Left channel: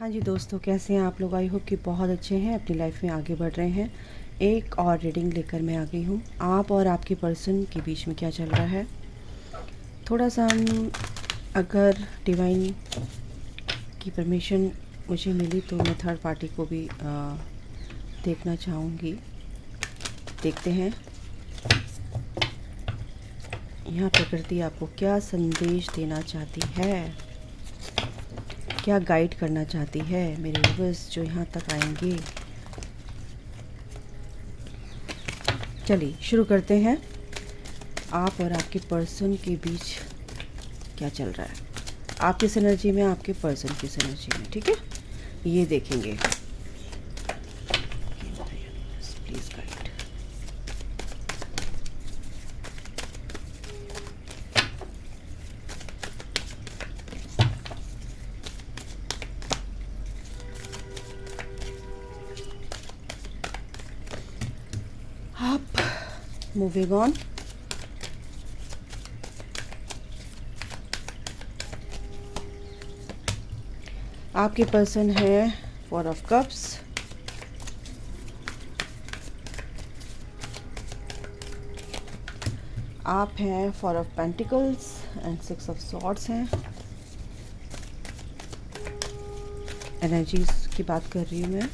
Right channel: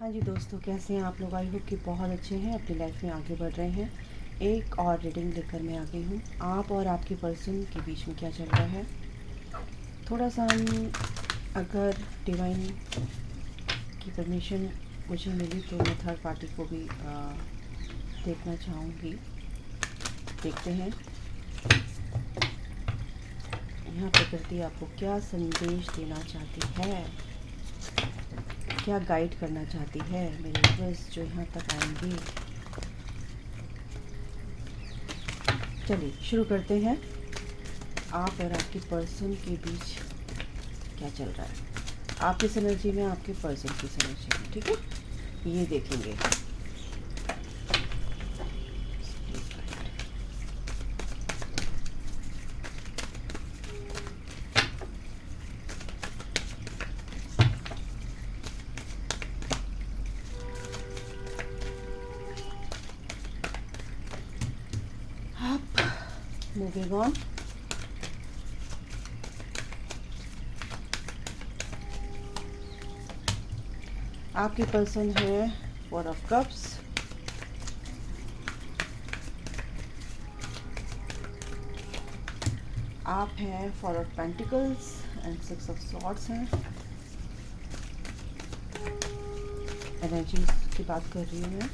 हाँ जी दोस्तों, कैसे हैं आप लोग। आई होप कि बहुत अच्छे हैं, अपनी लाइफ में आगे बढ़ रहे हैं। एक और रीडिंग लेकर मैं आ गई हूँ। आप और आपके पर्सन के बीच में क्या चल रहा है, थोड़ा सा हम अगर डिवाइन की परमिशन मुझे मिली तो मैं थर्ड पार्टी को भी देखना चाहूँगी। देखते हैं यहाँ प्रकृति आपको क्या संदेश देना चाहती है, क्या गाइड करना चाहती है मेरे व्यूअर्स जो यहाँ तक आएंगे। चलिए शुरू करते हैं। आप और आपके पर्सन के बीच क्या चल रहा है, आपकी एनर्जी में, आपके पर्सन की एनर्जी में, ठीक है, ये देखेंगे। Please guide. आप मूविंग ऑन। आपके पर्सन है 4 ऑफ कप्स, आप हैं 4 of pentacles and 6 of swords हैं। एनर्जीज की बात कर रही हूँ मैं।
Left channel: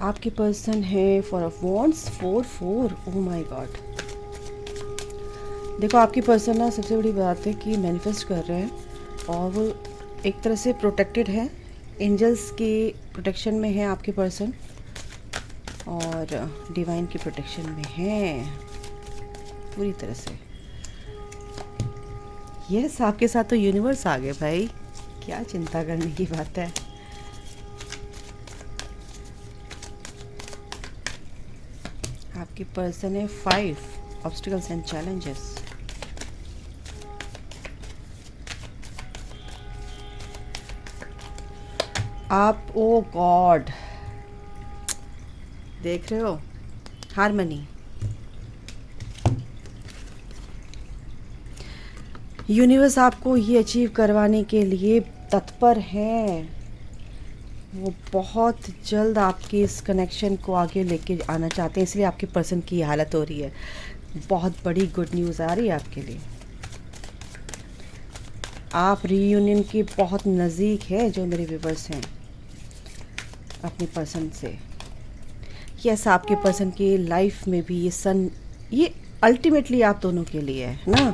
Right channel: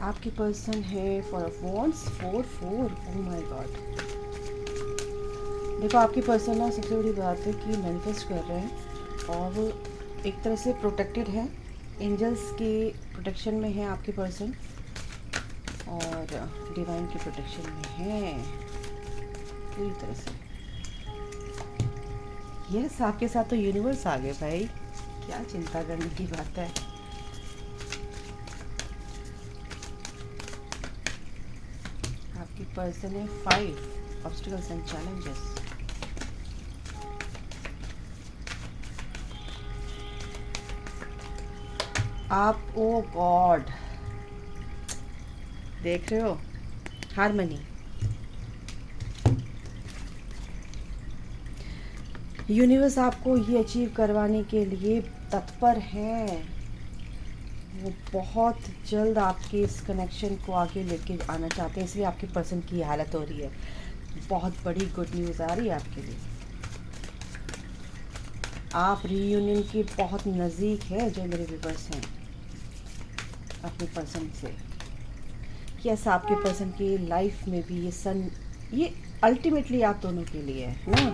आपके पर्सन है 4 of wands, 4 oh my God. देखो आपकी पर्सन ना, सबसे बड़ी बात है कि मैनिफेस्ट कर रहे हैं और वो एक तरह से प्रोटेक्टेड है, एंजल्स की प्रोटेक्शन में है आपके पर्सन और डिवाइन की प्रोटेक्शन में है पूरी तरह से। यस, आपके साथ तो यूनिवर्स आ गए भाई, क्या चिंता करने की बात है। आपकी पर्सन है 5 ऑब्स्टिकल्स एंड चैलेंजेस। आप ओ गॉड देख रहे हो, हारमनी। यूनिवर्स आपको ये अचीव करवाने के लिए तत्पर है, वो बहुत जल्द आपके इस कनेक्शन को आगे लेके आना चाहते हैं, इसलिए आपके पर्सन की हालत हो रही है। बहुत बड़ी गुड न्यूज़ आ रही है आपके लिए। आप रीयूनियन के बहुत नज़दीक है जो मेरे व्यूअर्स हैं अपने पर्सन से। यस, आपके पर्सन की लाइफ में भी ये ये अल्टीमेटली आप दोनों के लिए है ना।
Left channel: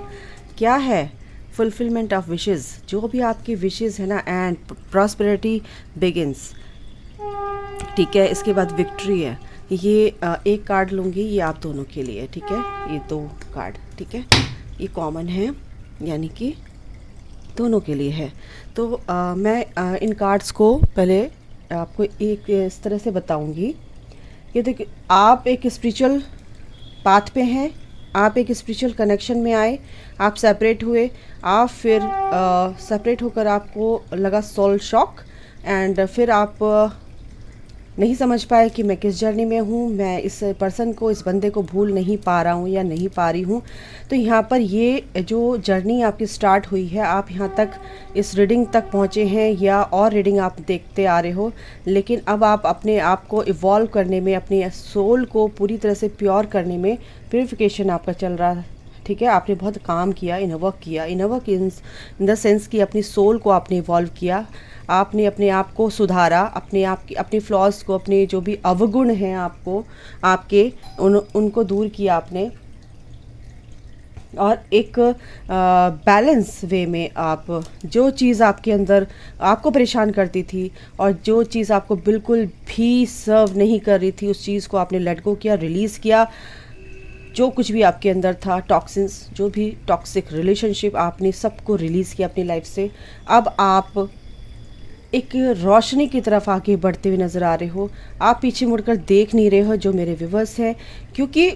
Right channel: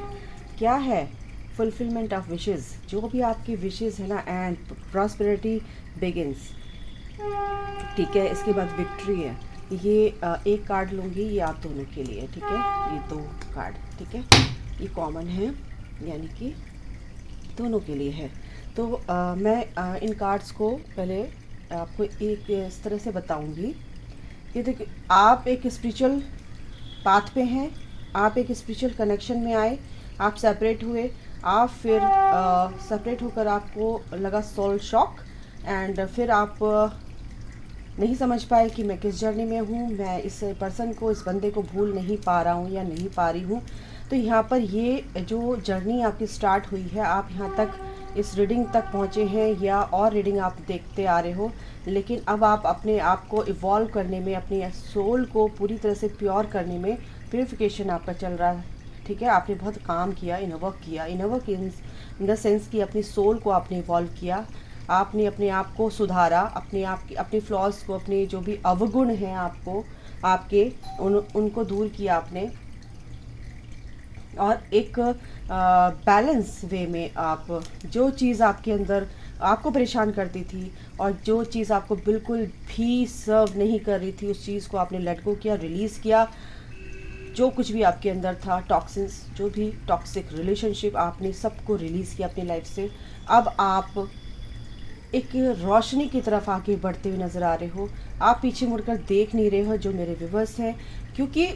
क्या है, फुलफिलमेंट ऑफ विशेस, जो भी आपकी विशेस है ना, एंड प्रॉस्पेरिटी बिगिंस, ठीक है। इसके बाद विक्ट्री है। ये एक कार्ड लूँगी, ये आप दोनों के लिए, ठीक है। ये 2 कार्ड, ठीक है, ये कॉमन है, यानी कि दोनों के लिए है। तो मैं इन कार्ड्स को पहले आपको एक इस तरह से बताऊंगी कि देखिए, आप एक स्पिरिचुअल पाथ पे हैं, आप एक स्पिरिचुअल कनेक्शन में आए, आप सेपरेट हुए, आप फिर सेपरेट होकर आपको लगा सोल शॉक, एंड फिर आप नहीं समझ पाए कि मैं किस जर्नी में हूँ, मैं इस पर्सन को, इस बंदे को भूल नहीं पा रहा हूँ या नहीं पा रही हूँ। तो यहाँ पर ये जो जर्नी आपकी स्टार्ट हुई है, आप यहाँ तक इस रीडिंग तक पहुँचे हैं या और रीडिंग आप देखते आ रहे हो, लेकिन अब आप अपने आप को इवॉल्व करने में, अपने सोल को पूरी तरह से प्योर करने में प्योरिफिकेशन आपका चल रहा है, ठीक है। आपने बहुत काम किया, इनर वर्क किया, inner work in the sense कि अपनी सोल को आपने इवॉल्व किया, आपने अपने आप को सुधारा, अपने आप की, अपने फ्लॉज को, अपने जो भी अवगुण हैं आपको, आपके उनको दूर किया आपने, और एक बैलेंस वे में आप जो चीज़ आपके अंदर आपको परेशान करती थी और जो चीज़ आपको बिल्कुल भी सर्व नहीं कर रही थी, उस चीज़ को आपने लेट गो किया, रिलीज़ किया। जो कुछ भी आपके अंदर था, टॉक्सिन्स, जो भी टॉक्सिक रिलेशनशिप, आपने सबको रिलीज़ किया अपनी लाइफ से। अब आप एक रोशनी की तरफ आगे बढ़ते हुए नज़र आ रहे हो। आप पीछे मुड़कर देख नहीं रहे हो जो मेरे व्यूवर्स हैं, क्योंकि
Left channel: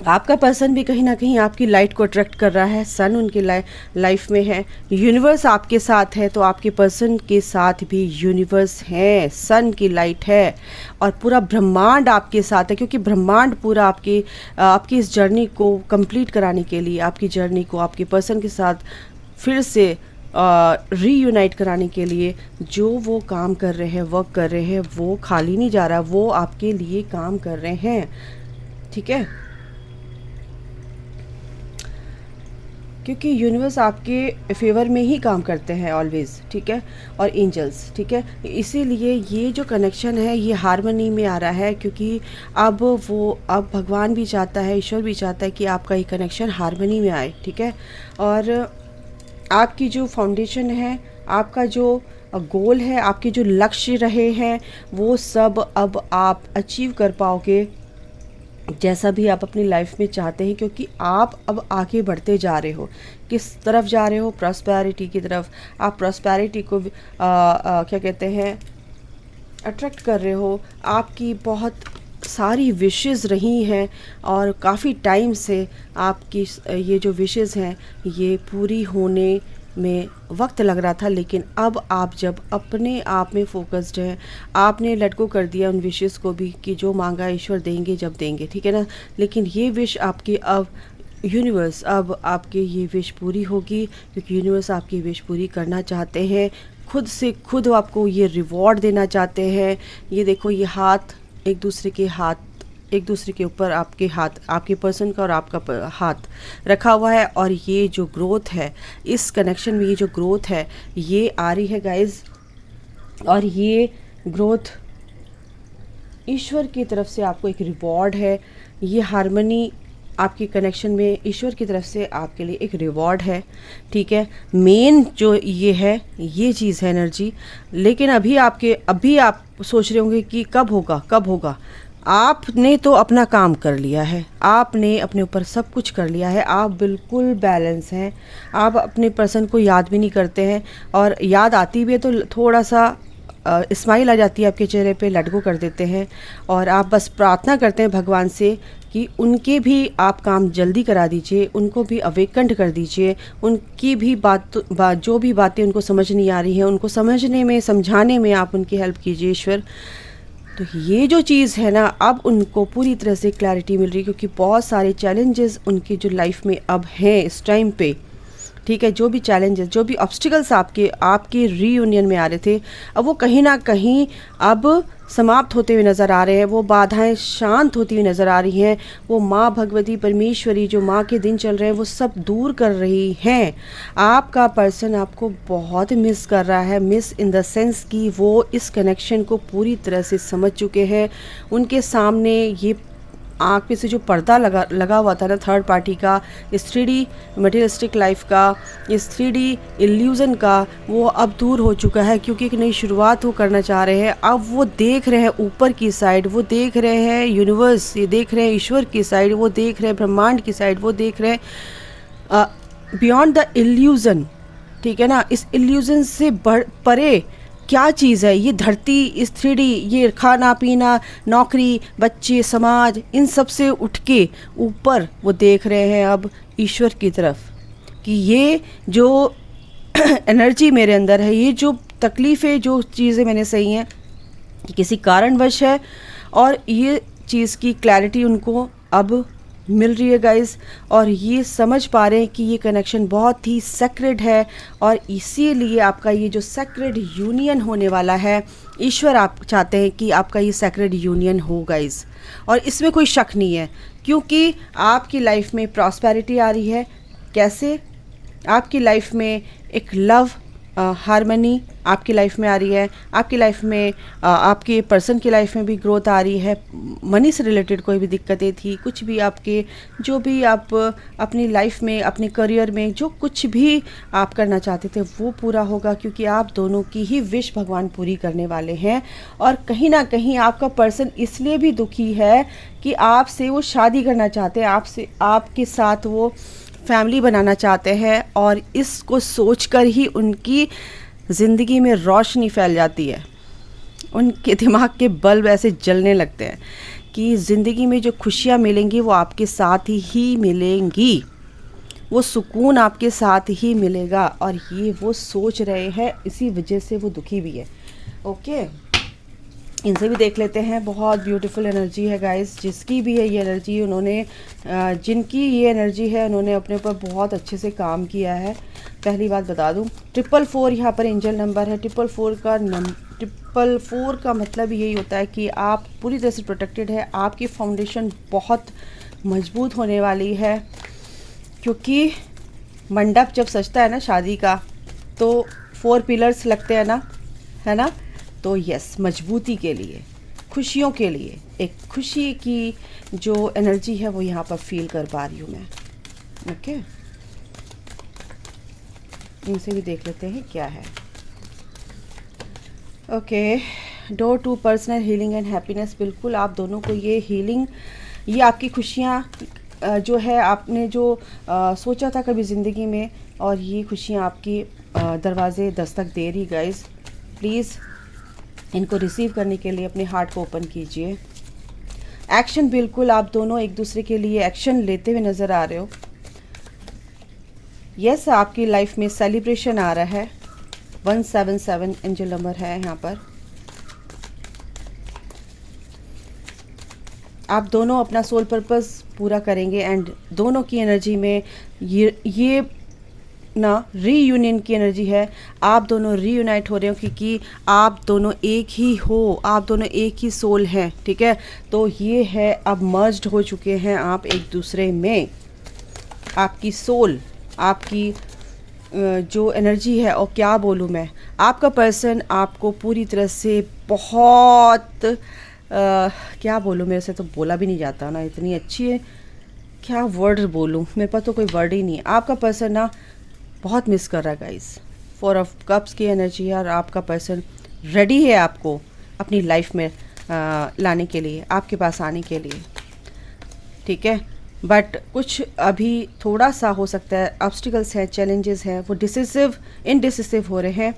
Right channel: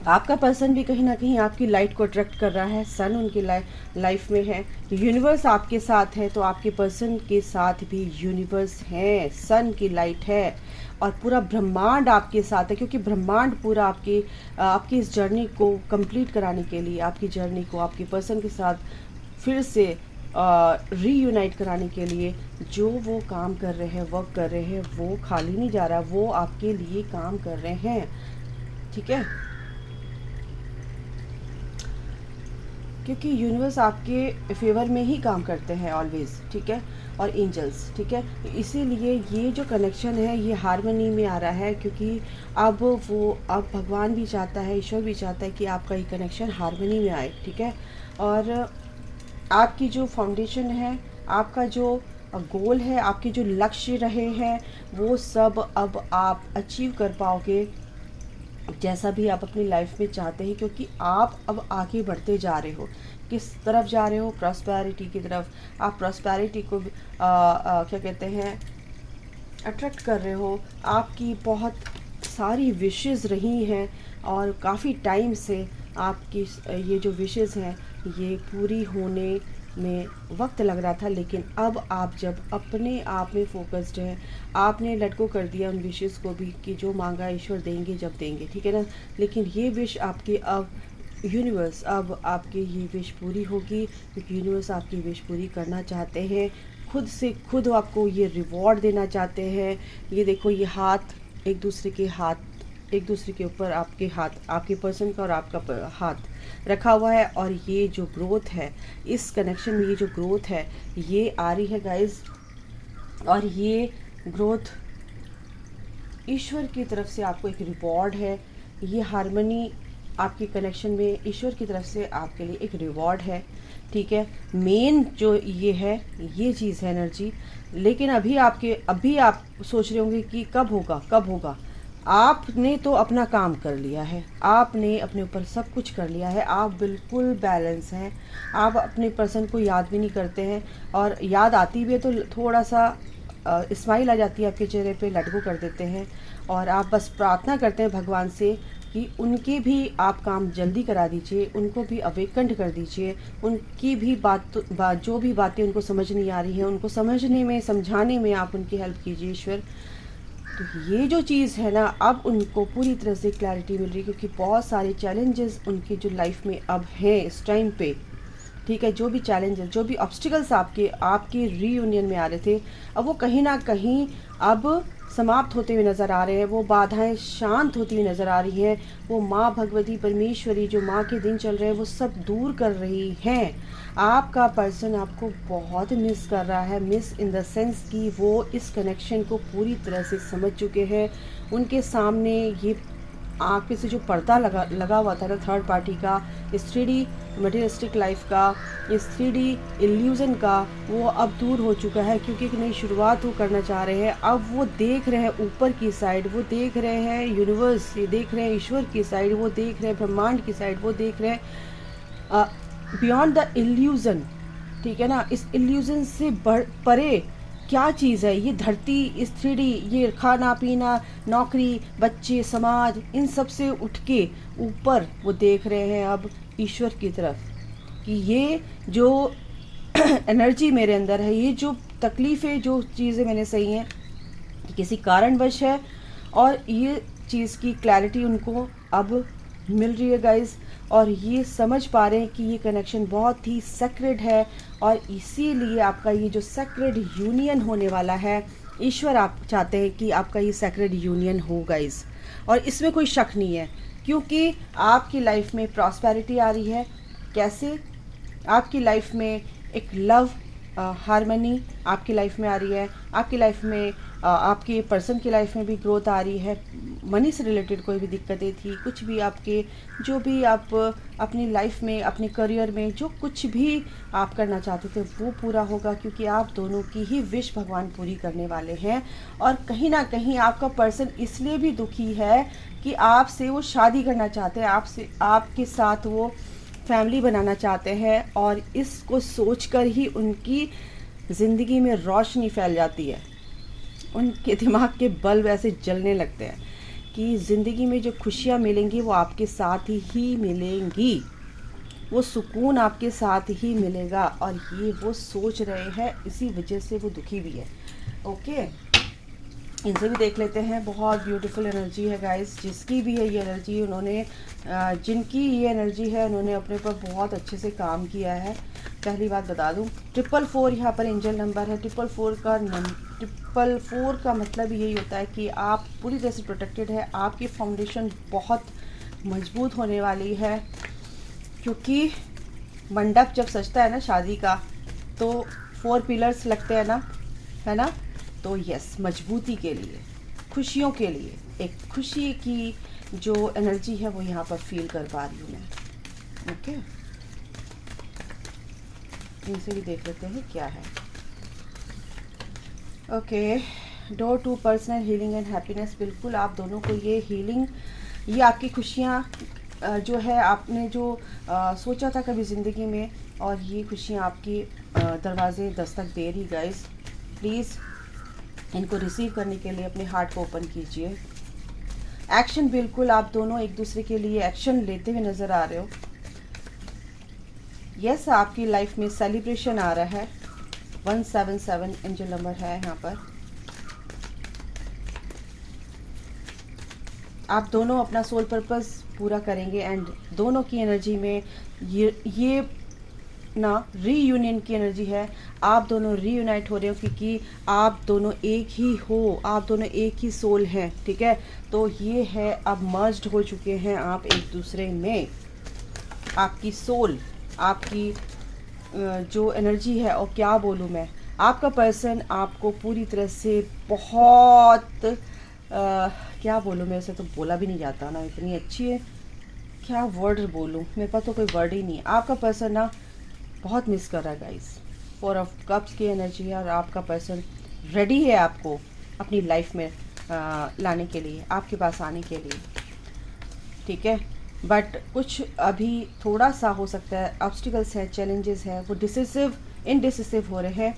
आपका पर्सन भी कहीं ना कहीं आपकी लाइट को अट्रैक्ट कर रहा है। सन उनकी लाइफ में है, यूनिवर्स आपके साथ है, तो आपके पर्सन के साथ भी यूनिवर्स है, सन की लाइट है, और पूरा ब्रह्मांड आपके साथ है, क्योंकि ब्रह्मांड पूरा आपकी इस जर्नी को कंप्लीट कराने के लिए, आपकी जर्नी को आपके पर्सन के साथ फिर से रीयूनाइट कराने के लिए जो वो काम कर रहे हैं, वर्क कर रहे हैं, वो खाली नहीं जा रहा, वो आपके लिए काम कर रहे हैं। ठीक है, क्योंकि यूनिवर्स आपके फेवर में ही काम करते हैं ऑलवेज। ठीक है, और एंजल्स। ठीक है, इसीलिए ये जो कनेक्शन है ये हार्मनी में आ रहा है, क्योंकि अब भगवान भी चाहता है, ईश्वर भी चाहता है कि आपका ये कनेक्शन हार्मनी में आए। ठीक है, और आपकी जो फाउंडेशन है, आपका जो गोल है, आपके जो लक्ष्य रहे हैं, वो सब अब आप अचीव कर पाओगे, जैसा भी आप अपनी लाइफ में चाहते हैं, क्योंकि आप अब आगे बढ़ते जा रहे हो। किस तरफ जा रहे हो? प्रॉस्पेरिटी की तरफ। आप प्रॉस्पेरिटी को क्या कहते हैं, अट्रैक्ट कर रहे हो। आपकी बहुत सारी विशेस रही हैं और काफ़ी टाइम से आपकी ये जो विशेस हैं ये पूरी होने में वक्त लग रहा था, लेकिन अब आप जब अपने आप में फोकस्ड हैं, आपने लेट गो कर दिया उन विशेस को भी कि जो मांगा ईश्वर देंगे जब देंगे। ठीक है ना, लेकिन ये विश आपकी अब यूनिवर्स, अब आपके ये विश पूरी होगी, क्योंकि यूनिवर्स आपकी विश पूरी करना चाहते हैं, खुद से खुद आपको ये रिवॉर्ड देना चाहते हैं। ये देखो, ये हाथ एक दूसरे के ऊपर, आपके हाथ, आपके पर्सन का और आपका हाथ रखा हुआ है, और ये जो ग्रोथ है इस कनेक्शन में, ये जो ग्रोथ है ये आ रही है गाइज, और ये ग्रोथ ईश्वर की तरफ से आपको एक रिवॉर्ड है। ये हार्मनी आपके कनेक्शन में ईश्वर की तरफ से आपके लिए एक रिवॉर्ड है। ठीक है, मेन जो ये है, ये चीज़ है एनर्जी। लेकिन अभी आप सोच रहे होंगे कि कब होगा। आपने तो अपना काम कर लिया है, आपने अपने ऊपर सब कुछ कर लिया है, आप बिल्कुल बैलेंस हैं। आप अपने पर्सन को याद भी नहीं करते हैं, और याद आती भी है तो थोड़ा सा स्माइल आ जाती है आपके चेहरे पे, लेट गो कर देते हैं, और आप बस प्रार्थना करते हैं भगवान से कि उनके भी आप काम जल्दी करा दीजिए, उनको भी अवेकंड कर दीजिए, उनकी भी जो भी बातें उनको समझ नहीं आ रही हैं उनको समझने में, समझाने में आप उनकी हेल्प कीजिए ईश्वर। तो ये जो चीज़ है ना, अब उनको पूरी तरह से क्लैरिटी मिल रही है, क्योंकि बहुत सारे चैलेंजेस उनकी जो लाइफ में अब हैं इस टाइम पे। ठीक है, जो भी चैलेंजेस, जो भी ऑब्स्टिकल्स आपके रीयूनियन में आ रहे थे, अब वो कहीं ना कहीं अब समाप्त होते हुए नज़र आ रहे हैं। वो बाधाएं शांत होती हुई नज़र आ रही हैं। वो माँ भगवती परमेश्वरी, जो माँ के दिन चल रहे हैं, वो सब दूर कर रही हैं। आपका पर्सन आपको बहुत मिस कर रहा है, मिस इन द सेंस कि वो इस कनेक्शन को पूरी तरह से समझ चुके हैं। उनके सामने ये आँख पे से जो पर्दा लगा हुआ था ना, थर्ड पार्टी का, इस 3D मटेरियलिस्टिक लाइफ का, इस 3D इल्यूज़न का, वो अब दूर हो चुका है, क्योंकि एक नई शुरुआत वो करना चाह रहे हैं। अब वो देख रहे हैं ऊपर की साइड, वो देख रहे हैं यूनिवर्स, ये देख रहे हैं ईश्वर की साइड, वो देख रहे हैं ब्रह्मांड की साइड, वो देख रहे हैं बियॉन्ड द इल्यूज़न। ठीक है ना, इस इल्यूज़न से परे क्या चीज़ है ये धरती, इस 3D, ये खाना पीना, नौकरी, बच्चे, समाज, इन सब से उठ के ऊपर वो देख रहे हैं अब ईश्वर की तरफ, कि ये जो एनर्जी मेरे अंदर है, ये जो तकलीफ़ें, जो चीज़ें मैंने सही हैं, किसी कारणवश है, और ये चीज़ की क्लैरिटी उनको अब मिल रही है गाइस, और ये समझ पा रहे हैं कि ये कनेक्शन बहुत ही सेक्रेड है, और इसीलिए आपका ये जो सेक्रेड यूनियन होने वाला है, ईश्वर आप चाहते हैं कि आपका ये सेक्रेड यूनियन हो गाइस, और इसमें कोई शक नहीं है, क्योंकि आपकी लाइफ में प्रॉस्पेरिटी आ रही है। कैसे? आपकी लाइफ में एक लव हार्मनी आपकी लाइफ में आ रही है, आपकी लाइफ में आपके पर्सन की लाइफ में भी ग्रोथ आ रही है। मनी से रिलेटेड कोई भी दिक्कतें थी, कुछ भी आपके, जो भी आप अपनी लाइफ में, अपने करियर में जो कुछ भी आप करना चाहते थे वो पूरा होगा, क्योंकि आप दोनों की ही विश भगवान पूरी करने वाले हैं। और कहीं ना कहीं आपका पर्सन इसलिए भी दुखी है कि आपसे वो शादी करना चाहते हैं, आपके साथ वो फैमिली बनाना चाहते हैं, और इसको सोचकर ही उनकी ज़िंदगी में रोशनी फैल जाती है, उनके दिमाग के बल्ब ऐसे जलने लगते हैं कि ज़िंदगी में जो खुशियाँ मिलेंगी वो आपके साथ ही मिलेंगी, वो सुकून आपके साथ ही मिलेगा, और ये वो सोच रहे हैं, इसी वजह से वो दुखी भी है। ओके, इनसे भी देख लेते हैं। बहुत ब्यूटीफुल एनर्जी है गाइस, जिसकी भी है ये एनर्जी, उन्होंने जिनकी ये एनर्जी है उन्होंने अपने ऊपर बहुत अच्छे से काम किया है। पहली बात बता दूं, 444 यहाँ पर एंजल नंबर है। 444 का मतलब यही होता है कि आप पूरी तरह से प्रोटेक्टेड है, आपकी फाउंडेशन बहुत मजबूत होने वाली है, क्योंकि मंडप जब सजता है ना शादी का, तो 4 पिलर्स लगते हैं ना, है ना। तो यस, मजबूती के लिए, खुशियों के लिए, एक खुशी की जो एनर्जी है वो यहाँ पर फील कर पा रही हूँ मैं। ओके, इनसे भी देख लेते हैं क्या है। Okay, door to personal healing and happiness. बिल्कुल आप दोनों को ये हीलिंग, ये आपकी खुशियाँ जो है, आपने जो सोचा था कभी ज़िंदगी में, और ये खुशियाँ आपकी दरवाजे दस्तक दे रही गाइस। प्लीज़ इनको रिसीव करने के लिए अपने हार्ट को ओपन कीजिए। एक्शन, बिल्कुल आप दोनों एक दूसरे के लिए एक्शन लेते हुए नज़र आ रहे हो। यस, आपकी लाइफ में सेलिब्रेशन आ रहा है। 177 एंजल नंबर है यहाँ पर। आप दोनों अपना सोल पर्पस पूरा करेंगे, एंड दोनों की एनर्जी में ये ना रीयूनियन की एनर्जी है। आप दोनों रीयूनाइट हो रहे हो, क्योंकि आप दोनों एक ही हो, आप दोनों एक ही सोल हैं, ठीक है। तो ये है, अब मर्ज्ड हो चुके हैं आप एक दूसरे में। आपकी सोल, आपकी जो एनर्जी है, और क्या बोलूँ मैं, आपका पर्सन आपको पूरी तरह से बहुत क्या बोलूँ, मेरे से तो बोला भी नहीं जाता ना, इतनी अच्छी है, क्या वर्ड बोलूँ, मेरे पास तो कोई वर्ड ही नहीं है। आपका पर्सन ना बहुत मिस कर रहा है गाइस। 4 ऑफ कप्स की एनर्जी है, और आपका पर्सन रेडी है आपको अपनी लाइफ में लाने के लिए, आपके पास आने के लिए, ठीक है। बट कुछ अभी थोड़ा सा हो सकता है ऑब्स्टिकल्स हैं, चैलेंजेस हैं, वो इनडिसिसिव हो रहे हैं,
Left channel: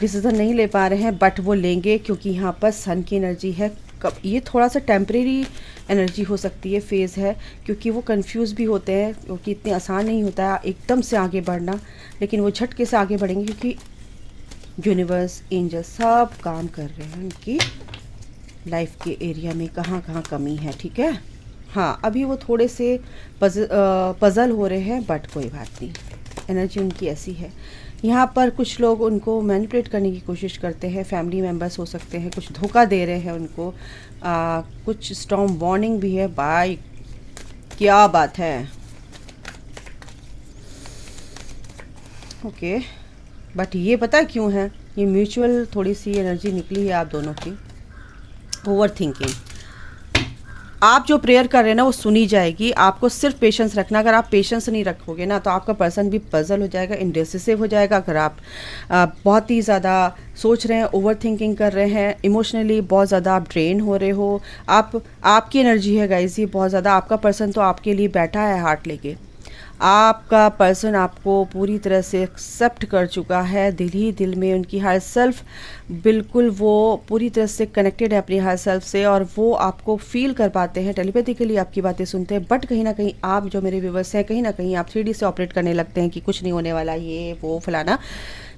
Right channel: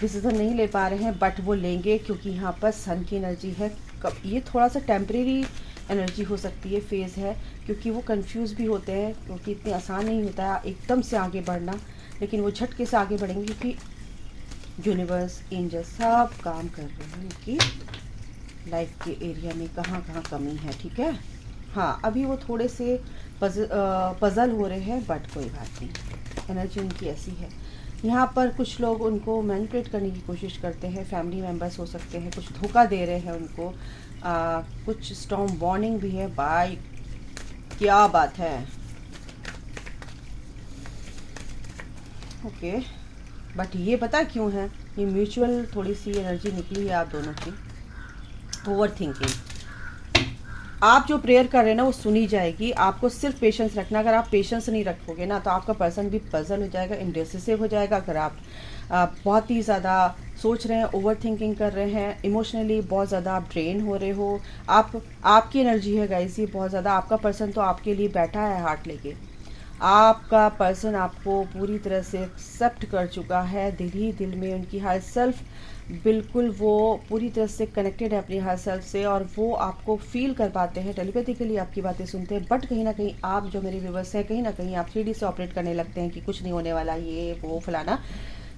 डिसीजन नहीं ले पा रहे हैं, बट वो लेंगे, क्योंकि यहाँ पर सन की एनर्जी है। ये थोड़ा सा टेम्परेरी एनर्जी हो सकती है, फेज़ है, क्योंकि वो कंफ्यूज भी होते हैं, क्योंकि इतने आसान नहीं होता है एकदम से आगे बढ़ना, लेकिन वो झटके से आगे बढ़ेंगे, क्योंकि यूनिवर्स, एंजल सब काम कर रहे हैं उनकी लाइफ के एरिया में, कहाँ कहाँ कमी है, ठीक है। हाँ, अभी वो थोड़े से पजल हो रहे हैं, बट कोई बात नहीं, एनर्जी उनकी ऐसी है। यहाँ पर कुछ लोग उनको मैनिपुलेट करने की कोशिश करते हैं, फैमिली मेम्बर्स हो सकते हैं, कुछ धोखा दे रहे हैं उनको, कुछ स्टॉर्म वार्निंग भी है। बाय, क्या बात है। ओके, बट ये पता क्यों है, ये म्यूचुअल थोड़ी सी एनर्जी निकली है आप दोनों की। ओवर थिंकिंग, आप जो प्रेयर कर रहे हैं ना वो सुनी जाएगी, आपको सिर्फ पेशेंस रखना। अगर आप पेशेंस नहीं रखोगे ना, तो आपका पर्सन भी पजल हो जाएगा, इंडिसिसिव हो जाएगा। अगर आप बहुत ही ज़्यादा सोच रहे हैं, ओवर थिंकिंग कर रहे हैं, इमोशनली बहुत ज़्यादा आप ड्रेन हो रहे हो, आपकी एनर्जी है गाइस ये बहुत ज़्यादा, आपका पर्सन तो आपके लिए बैठा है हार्ट लेके, आपका पर्सन आपको पूरी तरह से एक्सेप्ट कर चुका है दिल ही दिल में। उनकी हायर सेल्फ, बिल्कुल वो पूरी तरह से कनेक्टेड है अपनी हायर सेल्फ से, और वो आपको फील कर पाते हैं, टेलीपैथिकली आपकी बातें सुनते हैं। बट कहीं ना कहीं आप जो मेरे व्यूवर्स हैं, कहीं ना कहीं आप 3D से ऑपरेट करने लगते हैं कि कुछ नहीं होने वाला, ये वो फलाना,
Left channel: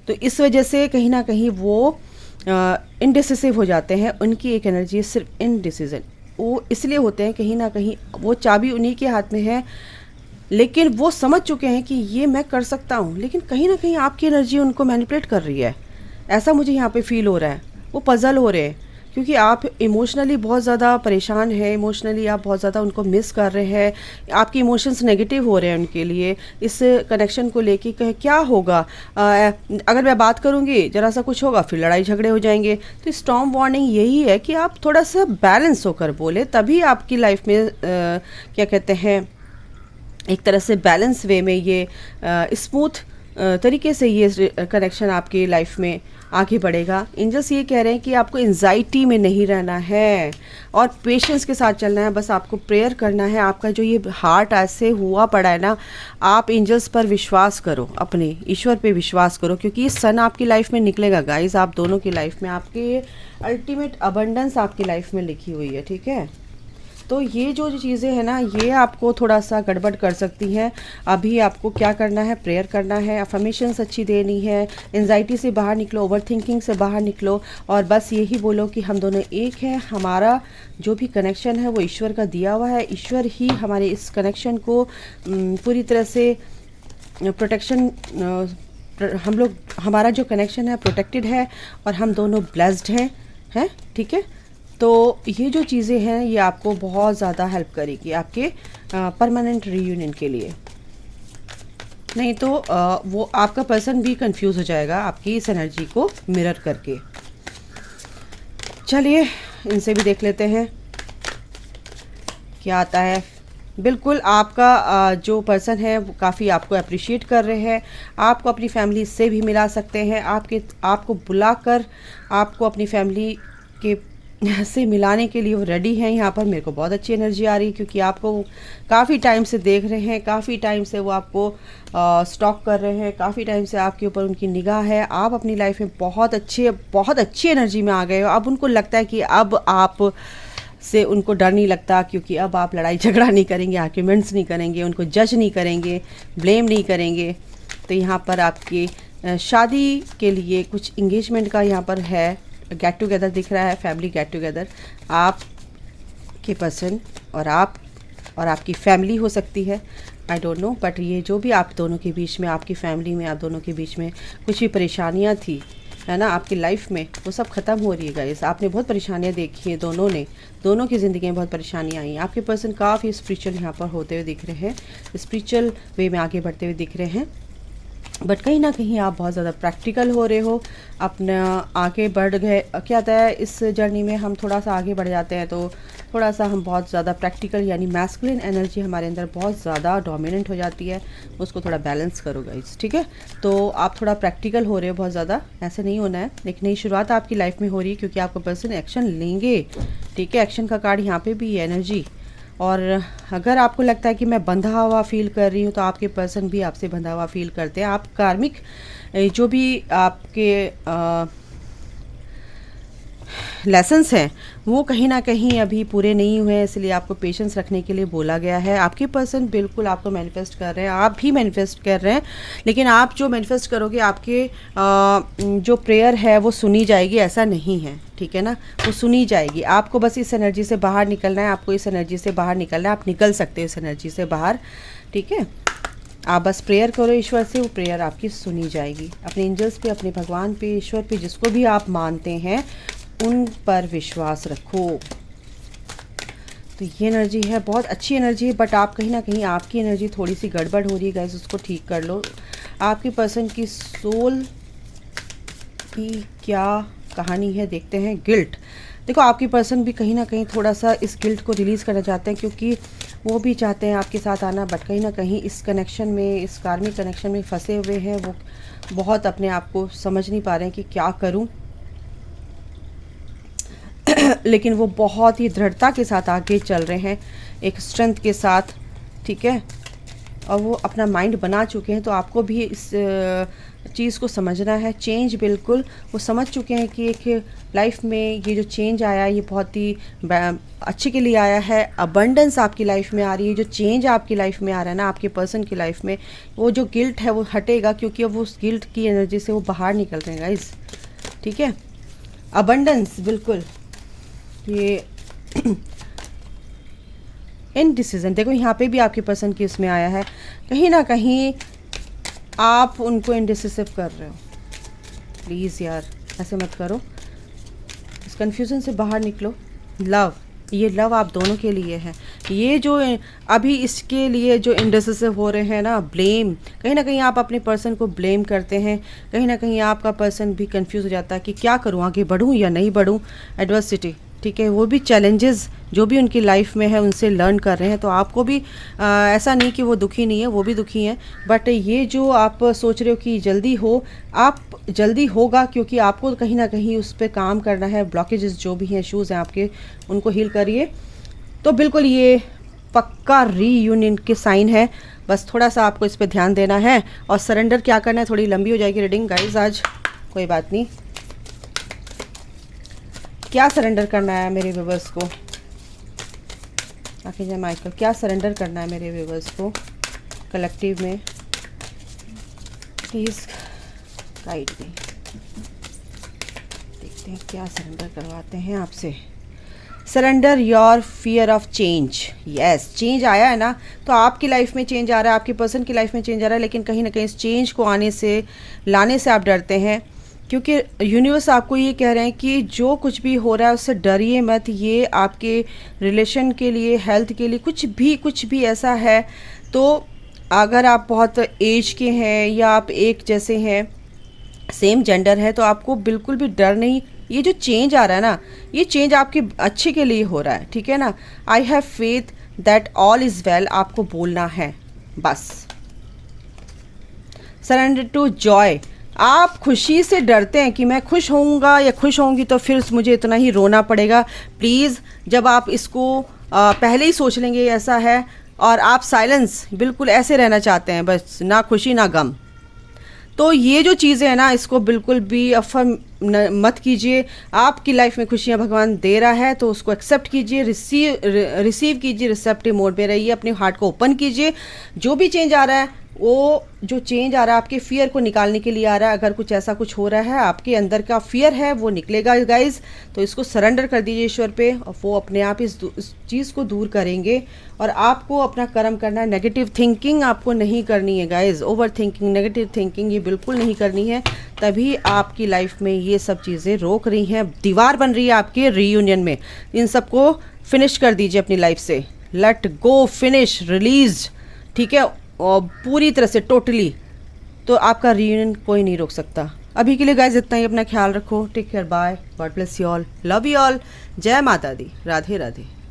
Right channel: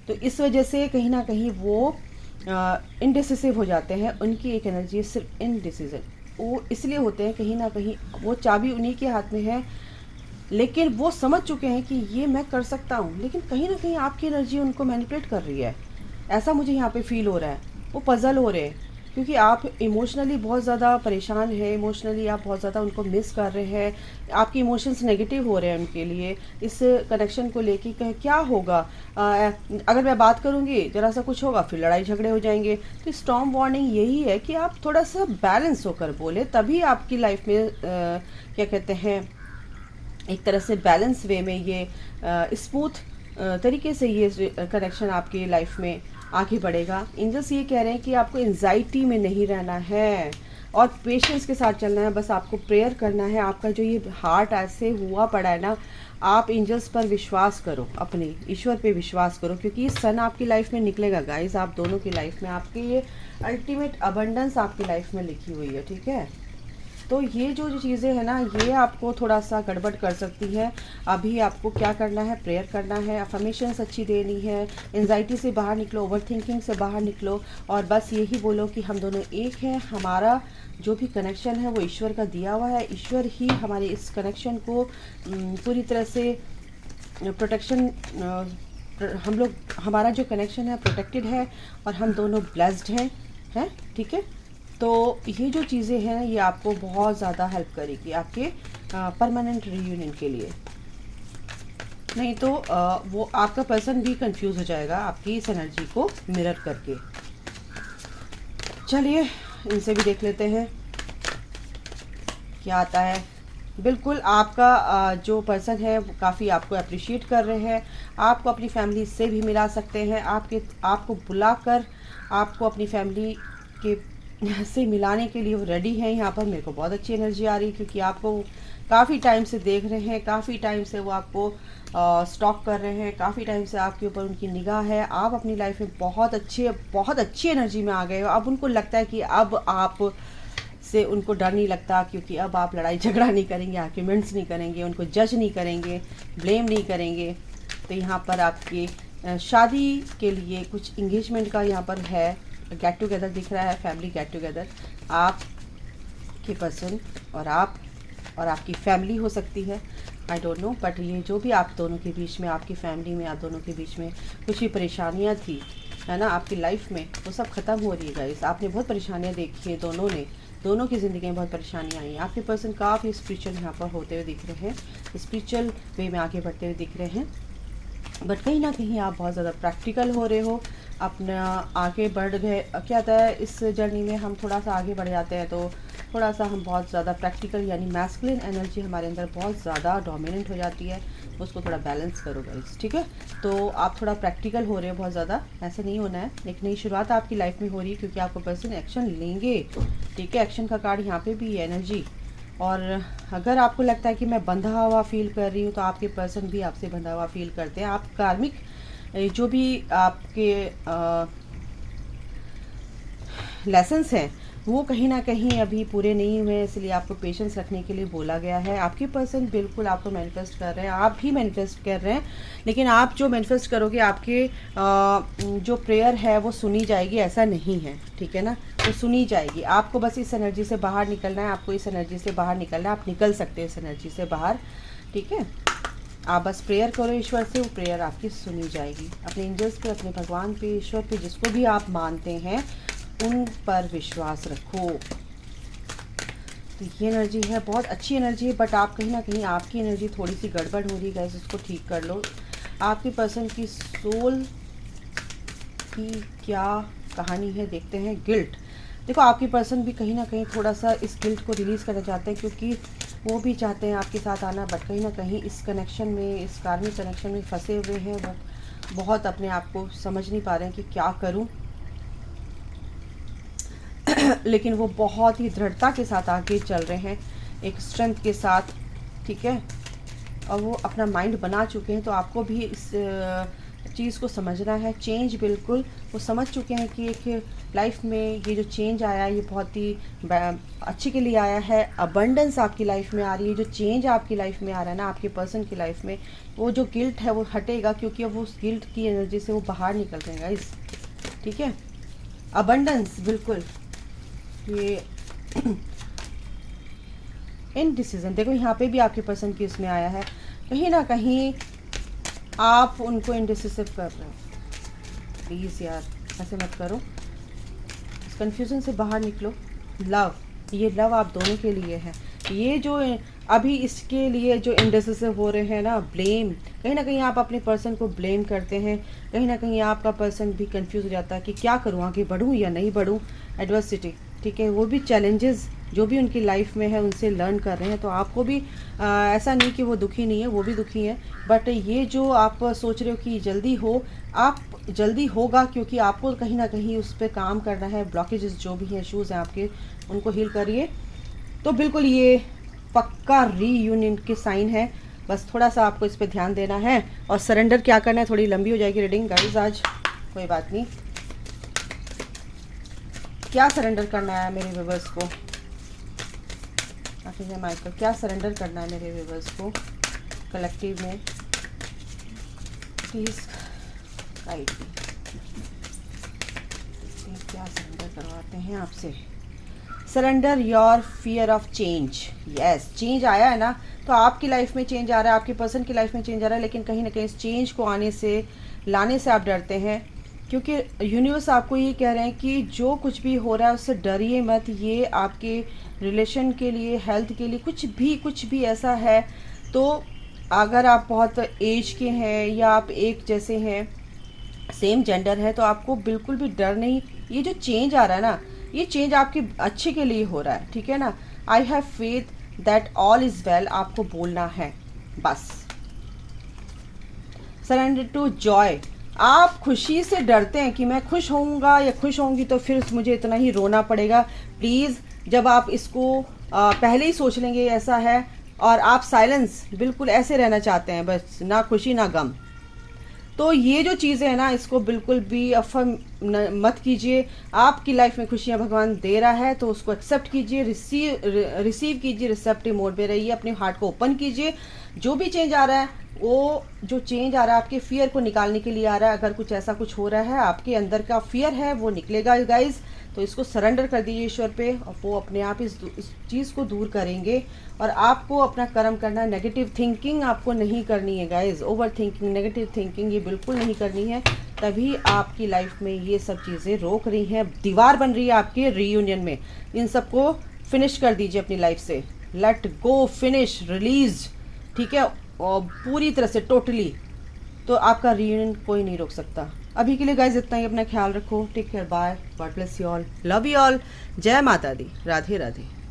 तो इस वजह से कहीं ना कहीं वो इनडिसिसिव हो जाते हैं। उनकी एक एनर्जी है सिर्फ इनडिसीजन, वो इसलिए होते हैं, कहीं ना कहीं वो चाबी उन्हीं के हाथ में है, लेकिन वो समझ चुके हैं कि ये मैं कर सकता हूँ, लेकिन कहीं ना कहीं आपकी एनर्जी उनको मैनिपुलेट कर रही है, ऐसा मुझे यहाँ पे फील हो रहा है। वो पजल हो रहे हैं, क्योंकि आप इमोशनली बहुत ज़्यादा परेशान हैं, इमोशनली आप बहुत ज़्यादा उनको मिस कर रहे हैं, आपके इमोशंस नेगेटिव हो रहे हैं उनके लिए, इस कनेक्शन को लेके कहीं क्या होगा, अगर मैं बात करूँगी ज़रा सा कुछ होगा, फिर लड़ाई झगड़े हो जाएंगे। तो स्टॉर्म वार्निंग यही है कि आप थोड़ा सा बैलेंस होकर बोले, तभी आपकी लाइफ में क्या कहते हैं, एक तरह से बैलेंस वे में ये स्मूथ तरीके से ये कनेक्शन आपकी लाइफ में आगे बढ़ेगा। एंजल्स ये कह रहे हैं कि आपको एंजाइटी में नहीं रहना है और पेशेंस के साथ चलना है, बस आपको प्रेयर करना है। आपका जो ये हार्ट ऐसे हुआ पड़ा है ना, आप एंजल्स पर विश्वास करो, अपने ईश्वर पे विश्वास करो, क्योंकि ये सन आपकी लाइफ में निकलेगा गाइज, आप दोनों की लाइफ में, आपके अल्टीमेट अबंडेंस आपकी लाइफ में लिखी हुई है, ठीक है। तो ये जो चीज़ें हैं ना, ये आपको थोड़ा सा गड़बड़ कर सकती हैं। अभी आपको क्या करना है, प्रेयर करना है, अफर्मेशंस अच्छी देनी है, एंजाइटी से बाहर निकलो, ओवर थिंकिंग से बाहर निकलो, और बस यही बोलो कि हम दोनों एक हैं। हमारा जो भी कनेक्शन है वो ईश्वर का दिया हुआ है। ईश्वर ही हमारे इस कनेक्शन को पूरी तरह से प्रोटेक्शन, हम लोग, हमारा जो कनेक्शन है प्रोटेक्टेड है, और हम दोनों ब्लेस्ड हैं, ठीक है। तो ये जो चीज़ें हैं ये आपको बहुत ज़्यादा हेल्प करेगी आपके परमानेंट रीयूनियन के लिए। नहीं तो वो आपका पर्सन भी कंफ्यूज हो जाएगा आपकी इस एनर्जी को मिरर करके। चलिए इनसे भी देख लेते हैं क्या आता है। बिल्कुल आपका जो पर्सन है वो काफ़ी आपको अप्रिशिएट कर रहे हैं, आपको अपनी फैमिली से भी मिला सकते हैं, आपको बुलाकर आपको अपनी फैमिली के से मिलाने के लिए वो रेडी हैं। यहाँ पर मेरे को बहुत अच्छी एनर्जी आ रही है, क्योंकि आपको काफ़ी टाइम से देख रहे हैं, काफ़ी टाइम से वो आपको स्टॉक कर रहे हैं, काफ़ी टाइम से आपके ऊपर उनकी निगाह है। आप अपनी लाइफ में बहुत अच्छी एनर्जी में आ गए हो। अब उनको लगता है कि अब आप से उनको डर नहीं लगता, क्योंकि अब आप लड़ाई झगड़ा नहीं करेंगे, आर्ग्यूमेंट्स नहीं करेंगे, उनको जज नहीं करेंगे, ब्लेम नहीं करेंगे। तो यहाँ पर आपके शादी के लिए कुछ इंगेजमेंट का यहाँ पर है, गेट टुगेदर दिख रहा है, फैमिली गेट टुगेदर। आप के पर्सन और आप और आपकी फैमिली हो सकती है, आई डोंट नो, बट ये जो भी आप दोनों के बीच में, आपकी फैमिली में, आप दोनों के बीच में कुछ भी परेशानियाँ थी, है ना, आपकी लाइफ में, वो सब ख़त्म हो रही है गाइस। आपने बहुत परेशानियाँ देखी हैं, दोनों की ज़िंदगी में बहुत परेशानियाँ आई हैं। आपके पर्सन काफ़ी स्पिरिचुअल यहाँ पर होते हुए दिख रहे हैं, स्पिरिचुअल वे में आगे बढ़ते हुए दिख रहे हैं, बट कहीं ना कहीं आप बहुत ज़्यादा प्रैक्टिकल हो रहे हो, अपना आगे बढ़ गए। क्या होता है इस जर्नी में, हम थोड़ा सा आगे बढ़ जाते हैं तो थोड़ा सा हम बहुत ज़्यादा प्रैक्टिकल, यानी मैस्कुलिन एनर्जी हमारे अंदर बहुत ज़्यादा डोमिनेंट हो जाती है, उसको थोड़ा बैलेंस करो गाइस, ठीक है। तो आप थोड़ा प्रैक्टिकल हो रहे हो बहुत ज़्यादा, ऐसे नहीं होना है। लेकिन नई शुरुआत आपकी लाइफ में हो रही है, क्योंकि आपका पर्सन एक्शन लेंगे, ठीक है। एक्शन का कार्ड यहाँ पे भी है, एनर्जी। और अगर आपको लगता है कि मैं बंधा हुआ फील कर रही हूँ, तो आपके पर्सन भी आपसे बंधा हुआ फील करते हैं। आप कार्मिक जो भी आपके लेसन्स हैं वो कहीं ना कहीं अभी पूरे नहीं हुए हैं, इसलिए आपको पेशेंस रखने के लिए बोला गया है। आपके पर्सन बिल्कुल आपको मैनिफेस्ट कर रहे हैं, आप भी मैनिफेस्ट कर रहे हैं, लेकिन आप जो मैनिफेस्ट करोगे, आपके जो प्रेयर है वो सुनी जाएगी, ऐसा नहीं है, ठीक है ना, वो सुनी जाएगी। आपको बस इस एनर्जी से बाहर निकलना है, आपको इस एनर्जी से बाहर निकलना है, आप निकल सकते हो इस एनर्जी से बाहर, ठीक है। आप बस प्रेयर करो ईश्वर से, वो प्रेयर आपकी सुनी जाएगी। अपने एंजल्स पे, अपने भगवान पे, ईश्वर पे, जिसको भी आप मानते हैं उन पर विश्वास रखो। तो ये एनर्जी है, बहुत अच्छी एनर्जी है, बट आप कहीं ना कहीं आपकी एनर्जी थोड़ी सी गड़बड़ हो रही है गाइस, उसको ठीक कर लो। आपके पर्सन की सोल की क्या कहानी है देखते हैं। गिल्ट, देखो आपकी पर्सन भी कहीं ना कहीं थोड़ा सा इस गिल्ट को रिलीज़ करना चाहते हैं, क्योंकि वो भी चाहते हैं आपके साथ आना, बट कहीं ना कहीं इस कनेक्शन में, इस कार्मिक कनेक्शन में फंसे हुए हैं। वो बहुत अपने आप को समझ नहीं पा रहे हैं कि क्या करूं, लेकिन वो बहुत ही दृढ़ता के साथ आगे चल रहे हैं, एक स्ट्रेंथ के साथ, ठीक है। और वो अपना माइंड बना चुके हैं, तो आपको भी इस चीज़ को समझना है। चेंज, बिल्कुल वो समझ चुके हैं कि एक लाइफ में ये जो चेंज आया ये बहुत ही अच्छे के लिए आया है। अबंडेंस आपकी लाइफ में आ रही है, जो चेंज आपकी लाइफ में आ रहा है ना, आपके पर्सन की लाइफ में, वो जो गिल्ट है वो हटेगा, क्योंकि अब उस गिल्ट की एनर्जी से वो बाहर निकल रहे हैं गाइस, ठीक है। अबंडेंस, बिल्कुल ये इनडिसीजन, देखो यहाँ पे भी आपके पर्सन की इसमें आया है, कहीं ना कहीं आप उनको इनडिसिसिव कर रहे हो। प्लीज़ यार ऐसे मत करो, इस कन्फ्यूज़न से बाहर निकलो। लव, ये लव आप दोनों के लिए है। ये जो अभी इसके लिए जो इनडिसिसिव हो रहे हैं ना, ब्लेम, कहीं ना कहीं आप अपने पर्सन को ब्लेम करते हैं, कहीं ना कहीं आपका पर्सन भी कंफ्यूज हो जाता है कि क्या करूँ, आगे बढ़ूँ या नहीं बढ़ूँ। एडवर्सिटी, ठीक है, वो भी चैलेंजेस जो भी उनकी लाइफ में है उनसे लर्न कर रहे हैं। तो आपको भी ऐसा नहीं कि वो दुखी नहीं है, वो भी दुखी हैं, बट ये जो आप सोच रहे हो कि जल्दी हो, आप जल्दी होगा, क्योंकि आपको कहीं ना कहीं उस पर काम करना है। ब्लॉकेजेस जो भी हैं, इश्यूज़ हैं आपके, उनको हील करिए। तो बिल्कुल ये पक्का रीयूनियन के साइन है, बस थोड़ा सा आपको इस पर ध्यान देना है। और सरेंडर क्या करना है, थोड़ी लंबी हो जाएगी रीडिंग गाइज आज, कोई बात नहीं। क्या सरेंडर करना है मेरे व्यूअर्स को, आर्कएंजल माइकल, क्या सरेंडर करना है मेरे व्यूवर्स को कलेक्टिव में, प्लीज़ गाइड मी। देखते हैं क्या सरेंडर करवाते हैं आपसे। Surrender your fear of change. Yes, change आया है ना, तो आपकी लाइफ में चेंज आ रहा है, आपके पर्सन की लाइफ में चेंज आ रहा है, लेकिन कहीं ना कहीं इस चेंज को लाने से आप डरते हैं, क्योंकि यूनिवर्स आपको ये कह रहे हैं कि जो कुछ भी हो रहा है उससे डरिए मत। ये आपके रिलेशन के लिए, हेल्थ के लिए, कुछ भी ऐसा है, तो अगर आप बहुत एज के हैं या आप एक जैसे हैं, सेम जेंडर है, तो आपको बिल्कुल भी डर नहीं। ये जो चेंज आ रहा है ना, ये चेंज आपके अच्छे के लिए हो रहा है, ठीक है ना। I have faith that all is well, आपको बोलना है बस। Surrender to joy. आप खुशी से डरते हैं कि मैं खुश होऊंगा या खुश होंगी तो फिर मुझे इतना ही रोना पड़ेगा। प्लीज़, जब आप इसको पहले ही सोच लेंगे ऐसा है, और आप साइलेंस बिल्कुल ऐसे रहना चाहते हैं, बस ना खुशी ना गम, तो ये जो चीज़ें हैं ना, इसको बिल्कुल भी अफर्म मत कीजिए। आपकी लाइफ में खुशियाँ भगवान दे रहा है, तो उसको एक्सेप्ट कीजिए, रिसीव कीजिए, रिसेप्टिव मोड में रहिए, अपने हार्ट को ओपन कीजिए। जो भी चेंज आ रहा है, वो जो चेंज आ रहा है आपके फियर को निकालने के लिए आ रहा है। अगर कुछ ऐसा कुछ हो रहा है, आपके अंदर का फियर है वो निकलेगा गाइज, तो इसको सरेंडर कर दीजिए ईश्वर पे, और वो अपने आप इस चीज़ को दूर करेंगे। और आपको अपना कर्म करना है। नेगेटिव थिंकिंग आपको नहीं करनी है guys, over thinking, negative thinking ये बिल्कुल नहीं करनी है। तभी आपकी लाइफ में ये सब चीज़ें रोक रही हैं, दीवार बन रही है आपके रीयूनियन में। इन सबको फिनिश कर दीजिए अपनी लाइफ से। लेट गो, फिनिश, रिलीज, ठीक है, और पूरी तरह से टोटली, तो आपका रीयूनियन कोई नहीं रोक सकता। अभी के लिए गाइज इतना ही। अपना ख्याल रखो। Take care, bye, God bless you all, love you all, जय माता दी, राधे राधे।